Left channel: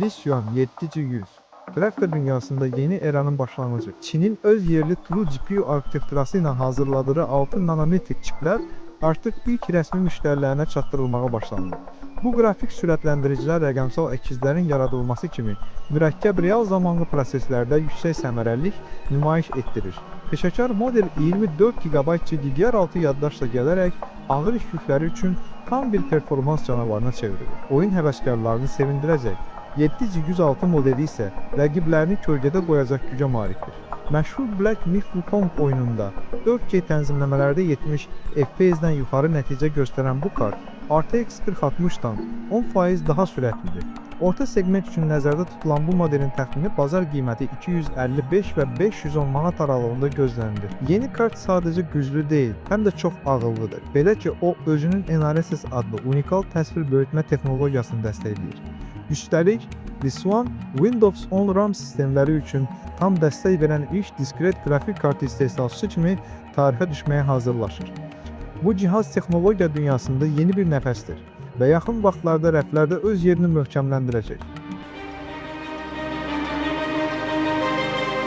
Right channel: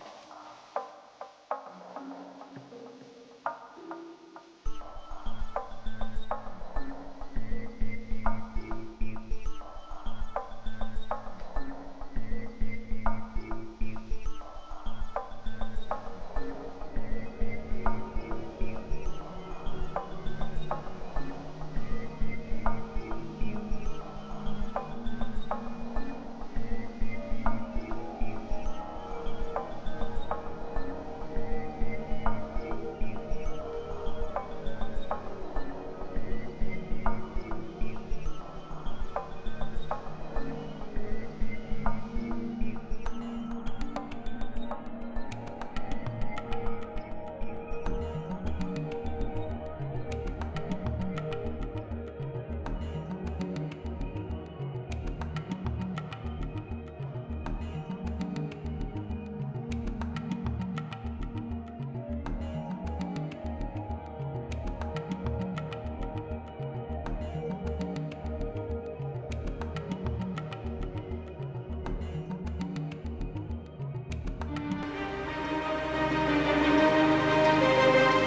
Lisyuan 700 Grafika dünyasında yeni eranın başlanğıcı. Çinin öz yerli True GPU arxitekturası ilə hazırladığı 6 nanometrik çiplər artıq ilk rəsmi müştərilərinə çatdırılmağa başlandı. Bu qrafik sürətləndiricilər rəqəmsal əkizlərin yaradılması kimi mürəkkəb real zamanlı proseslərdə yüksək səmərəlilik nümayiş etdirir. Peşəkar model 24 GB DDR6 yaddaşla gələrək ağır iş yükləri üçün tam bir performans canavarına çevrilir. Oyun həvəskarlarını sevindirəcək. 706 modeli isə rəqiblərini kölgədə qoyacaq gücə malikdir. Məşhur Black Myth Wukong oyununda 4K tənzimləmələrdə 70 FPS-dən yuxarı nəticə göstərən bu kart RTX 4060-dan 10% daha sürətlidir. Orta segment üçün nəzərdə tutulan bu modelin təxmini bazar qiyməti 255 və 510 manat aralığında gözlənilir. Yeni kart sadəcə güclü deyil, həm də çox ağıllıdır. Belə ki, o özünün Enarises adlı unikal təsvir böyütmə texnologiyasını dəstəkləyir. Üstəlik, Lisyuan Windows 10 RAM sistemləri üçün tam dəstək verən ilk diskret qrafik kartı istehsalçısı kimi tarixə düşməyə hazırlaşır. Bu cihaz texnologiya dünyasında yeni bir nəfəsdir və yaxın vaxtlarda rəflərdə öz yerini möhkəmləndirəcək.